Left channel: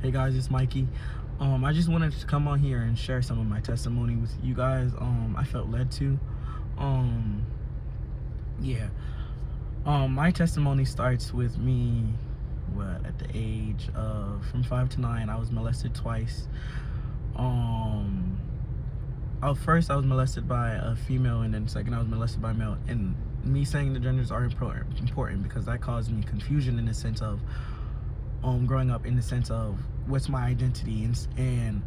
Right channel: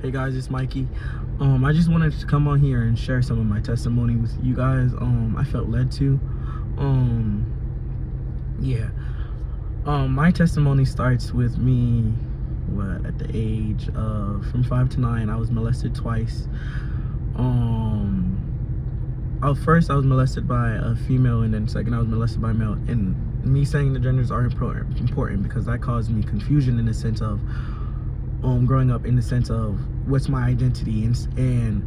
Hey guys, it's Mikey. I just wanted to come on here and share some of my testimony with you guys. I felt led to. Um, yeah. My testimony starts with me. At the age of from 5 to 9, I was molested twice. First I was molested by a female, and then second I was molested by a male. And me saying the genders are important because that caused me confusion in the sense of growing up, in the sense of what's my identity and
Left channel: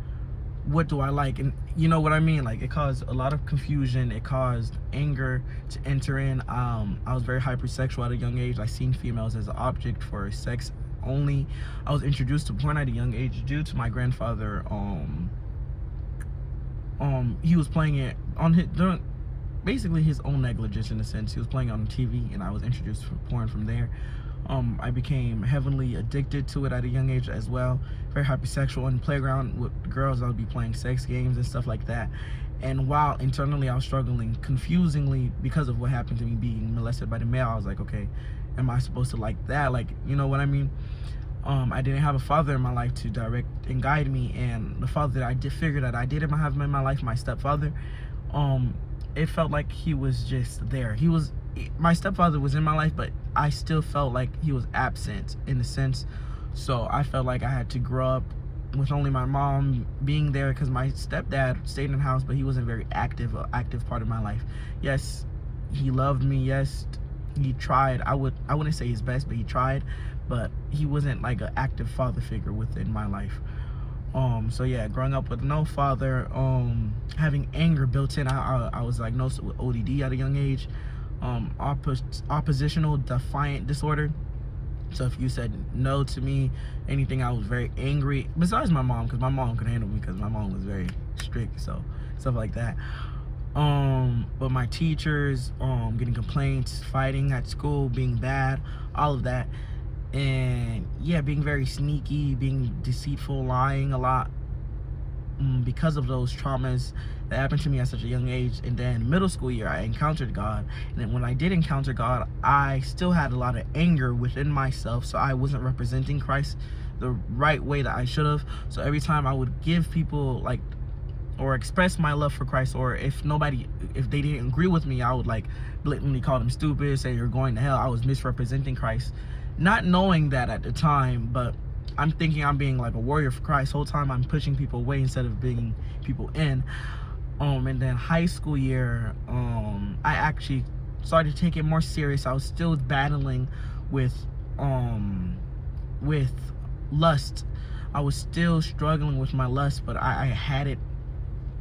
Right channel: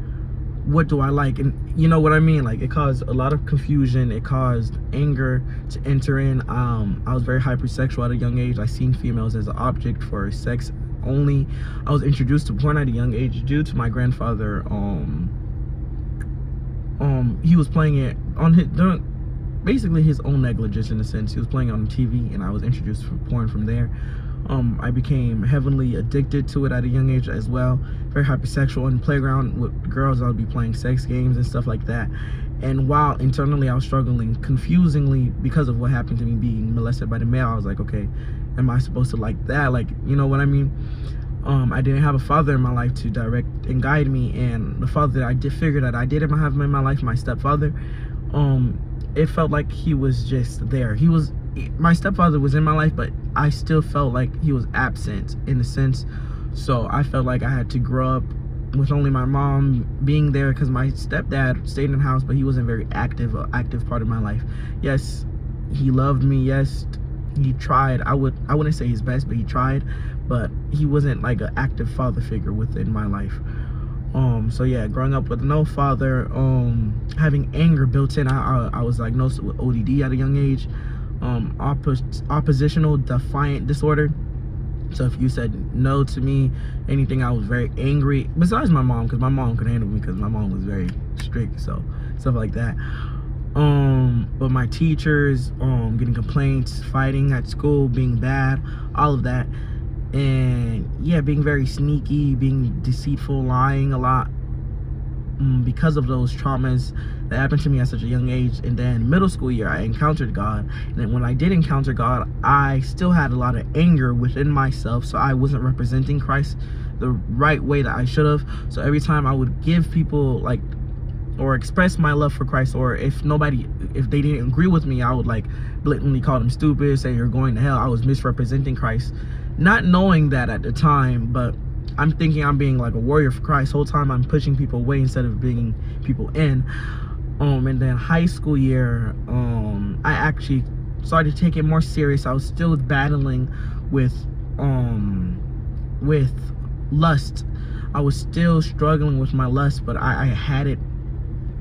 what do I like, and you know what I mean. Like, it caused a lot of confusion. It caused anger to enter in. I was very hypersexual at a young age. I seen females as an object for sex only. I was introduced to porn at a young age due to my grandfather. He was playing it on basically his own negligence, in a sense. He was playing it on TV, and I was introduced to porn from there. I became heavily addicted to it at a young age as well. Very hypersexual. In the playground with girls, I would be playing sex games and stuff like that. And while internally I was struggling confusingly because of what happened to me being molested by the male, I was like, okay, am I supposed to like that? Like, you know what I mean? I didn't have a father in my life to direct and guide me, and the father that I did figure that I didn't have in my life, my stepfather, it felt like he was just there. My stepfather was in my life, but I still felt like he was absent in a sense. So I felt like I had to grow up with only my mom being there, because my stepdad stayed in the house, but he wasn't very active part of my life. Yes, he loved me. Yes, he tried. I wouldn't say his best, but he tried. But he wasn't like an active father figure within my life. So yeah, growing up with no father, having anger built in. I was diagnosed with ODD at a young age. Oppositional defiant disorder. So if you said no to me, anything, I was very angry. Besides my mom, because my mom could handle me, because my mom was very strict, so stuff like that. But my teachers, getting complaints, fighting at school, being bad, all of that. And yeah, being very sneaky, being deceitful, lying a lot, because of those traumas that happened to me at such a young age. And then middle school year, I encountered God. And then when I did encounter God, I still had a lot of anger within myself, so I wasn't representing Christ the right way that I should have. So every time I would give people, like, or express my love for Christ, or if they didn't agree with me, I would like blatantly call them stupid, say you're going to hell. I was misrepresenting Christ, not knowing that at the time, but I'm thinking I'm being like a warrior for Christ. Whole time I'm pushing people away instead of bringing people in. And then high school year, I actually started to take it more serious. I was still battling with lust. I was still struggling with my lust, but I had it.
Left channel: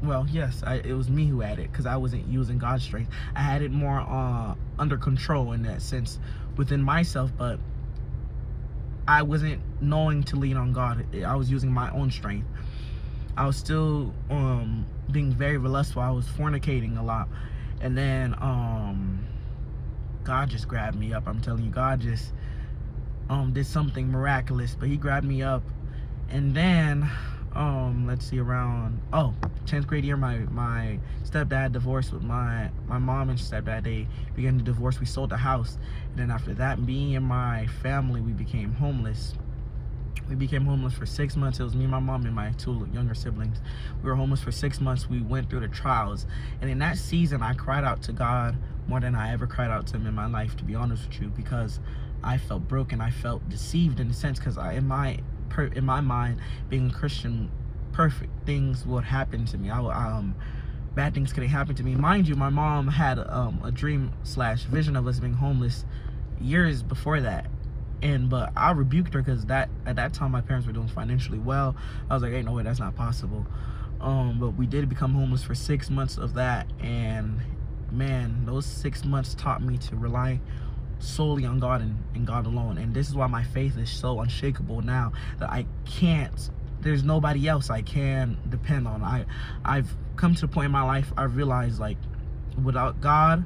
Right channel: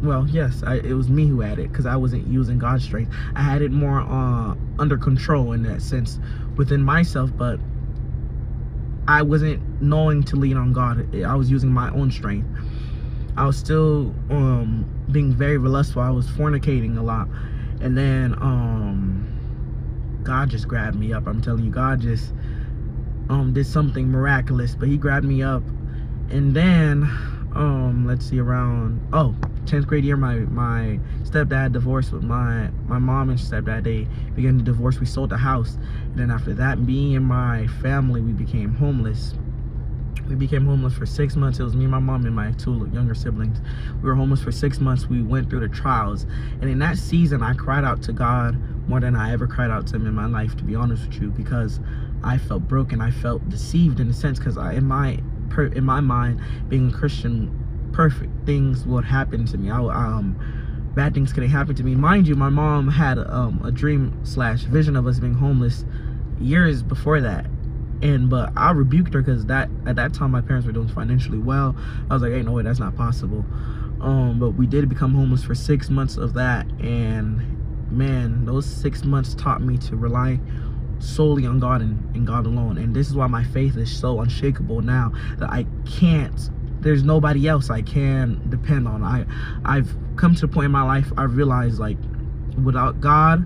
Well, yes, it was me who had it, because I wasn't using God's strength. I had it more under control in that sense within myself, but I wasn't knowing to lean on God. I was using my own strength. I was still being very lustful. I was fornicating a lot. And then God just grabbed me up. I'm telling you, God just did something miraculous. But he grabbed me up. And then let's see, around 10th grade year, my stepdad divorced with my mom and stepdad. They began to divorce. We sold the house. And then after that, me and my family, we became homeless. We became homeless for 6 months. It was me, my mom, and my 2 younger siblings. We were homeless for 6 months. We went through the trials. And in that season, I cried out to God more than I ever cried out to him in my life, to be honest with you, because I felt broken. I felt deceived in a sense, because in my mind, being a Christian, perfect things would happen to me. Bad things couldn't happen to me. Mind you, my mom had a dream / vision of us being homeless years before that. But I rebuked her, because at that time my parents were doing financially well. I was like, hey, no way, that's not possible. But we did become homeless for 6 months of that, and man, those 6 months taught me to rely solely on God and God alone. And this is why my faith is so unshakable now, that there's nobody else I can depend on. I've come to the point in my life, I realized, like, without God,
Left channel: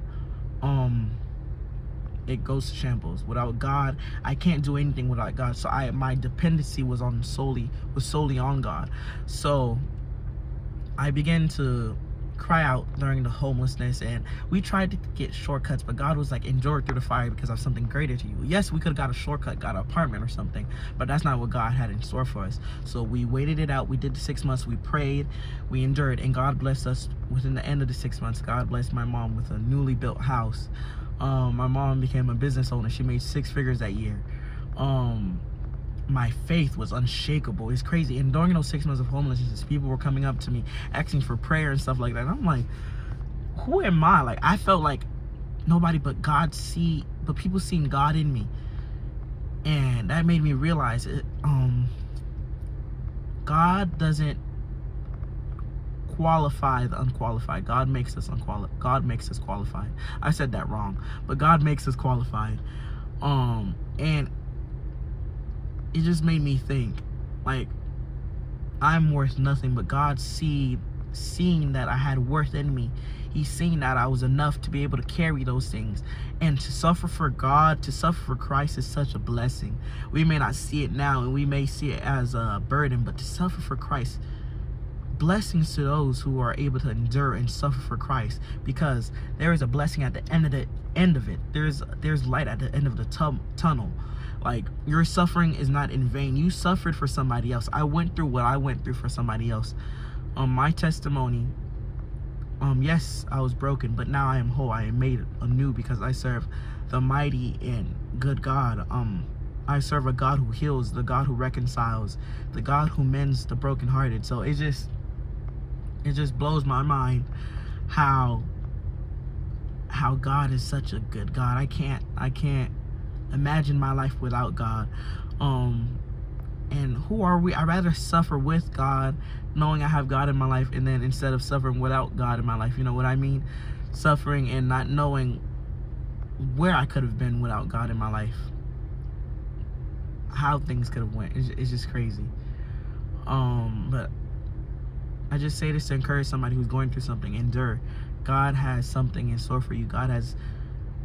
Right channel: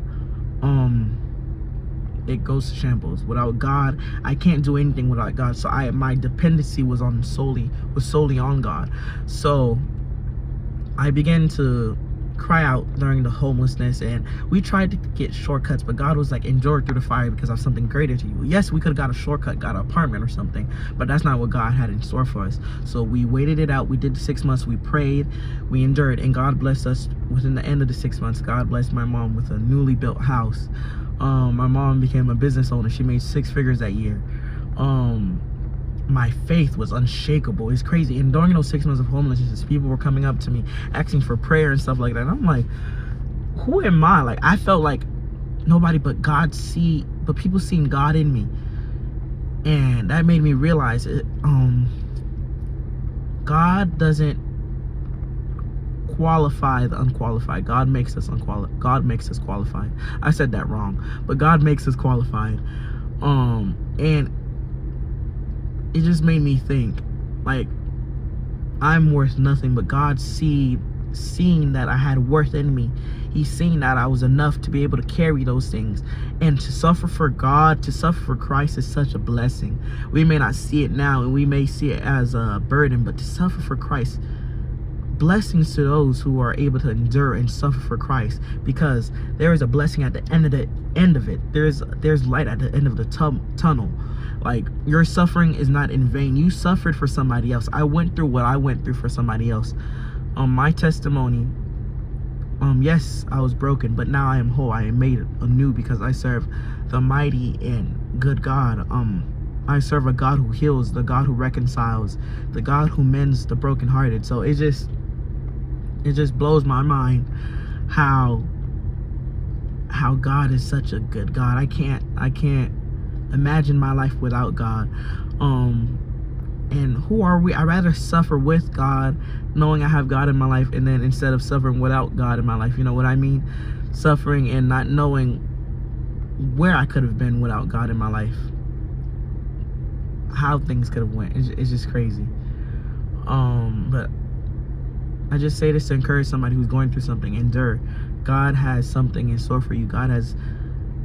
it goes to shambles. Without God, I can't do anything without God. So my dependency was solely on God. So I began to cry out during the homelessness, and we tried to get shortcuts, but God was like, endure through the fire because of something greater to you. Yes, we could have got a shortcut, got an apartment or something, but that's not what God had in store for us. So we waited it out. We did the 6 months. We prayed, we endured, and God blessed us. Within the end of the 6 months, God blessed my mom with a newly built house. My mom became a business owner. She made 6 figures that year. My faith was unshakable. It's crazy. And during those 6 months of homelessness, people were coming up to me asking for prayer and stuff like that. And I'm like, who am I? Like, I felt like nobody but people seeing God in me. And that made me realize it. God doesn't qualify the unqualified. God makes us God makes us qualified. I said that wrong, but God makes us qualified. And it just made me think, like, I'm worth nothing, but God seeing that I had worth in me. He's seen that I was enough to be able to carry those things. And to suffer for God, to suffer for Christ is such a blessing. We may not see it now, and we may see it as a burden, but to suffer for Christ, blessings to those who are able to endure and suffer for Christ, because there is a blessing at the end of it. There's light at the end of the tunnel. Like, your suffering is not in vain. You suffered for somebody else. I went through what I went through for somebody else. My testimony, yes, I was broken, but now I am whole. I am made anew because I serve the mighty and good God. I serve a God who heals, the God who reconciles, the God who mends the brokenhearted. So it just blows my mind how God is such a good God. I can't imagine my life without God. And who are we? I'd rather suffer with God, knowing I have God in my life, and then instead of suffering without God in my life. You know what I mean? Suffering and not knowing where I could have been without God in my life, how things could have went. It's just crazy. But I just say this to encourage somebody who's going through something. Endure. God has something in store for you. God has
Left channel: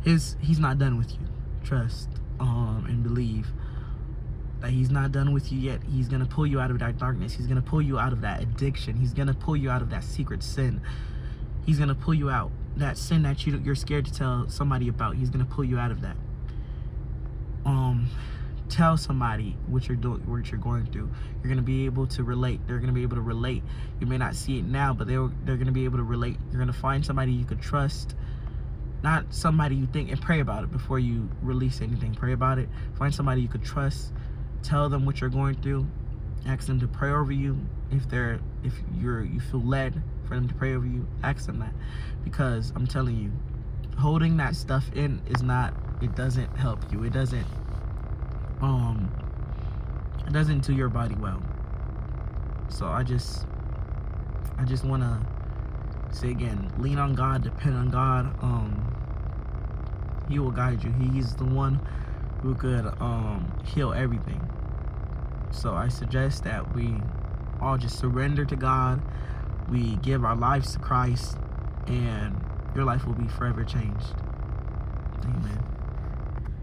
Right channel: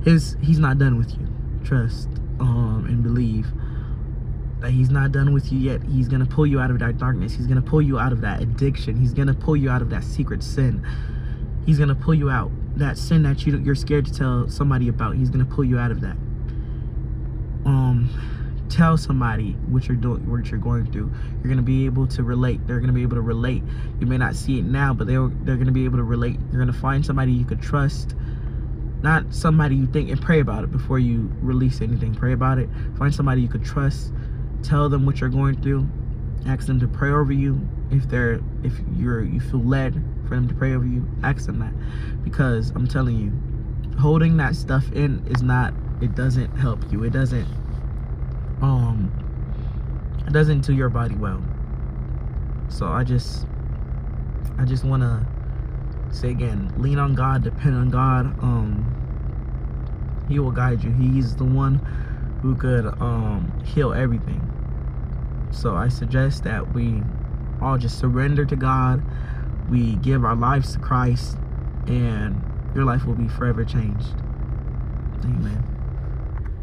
He's not done with you. Trust and believe that He's not done with you yet. He's gonna pull you out of that darkness. He's gonna pull you out of that addiction. He's gonna pull you out of that secret sin. He's gonna pull you out that sin that you're scared to tell somebody about. He's gonna pull you out of that. Tell somebody what you're doing, what you're going through. You're gonna be able to relate. They're gonna be able to relate. You may not see it now, but they're gonna be able to relate. You're gonna find somebody you could trust, not somebody you think, and pray about it before you release anything. Pray about it. Find somebody you could trust. Tell them what you're going through. Ask them to pray over you. If you feel led for them to pray over you, ask them that. Because I'm telling you, holding that stuff in it doesn't help you. It doesn't do your body well. So I just want to say again, lean on God, depend on God. He will guide you. He's the one who could heal everything. So I suggest that we all just surrender to God. We give our lives to Christ, and your life will be forever changed. Amen.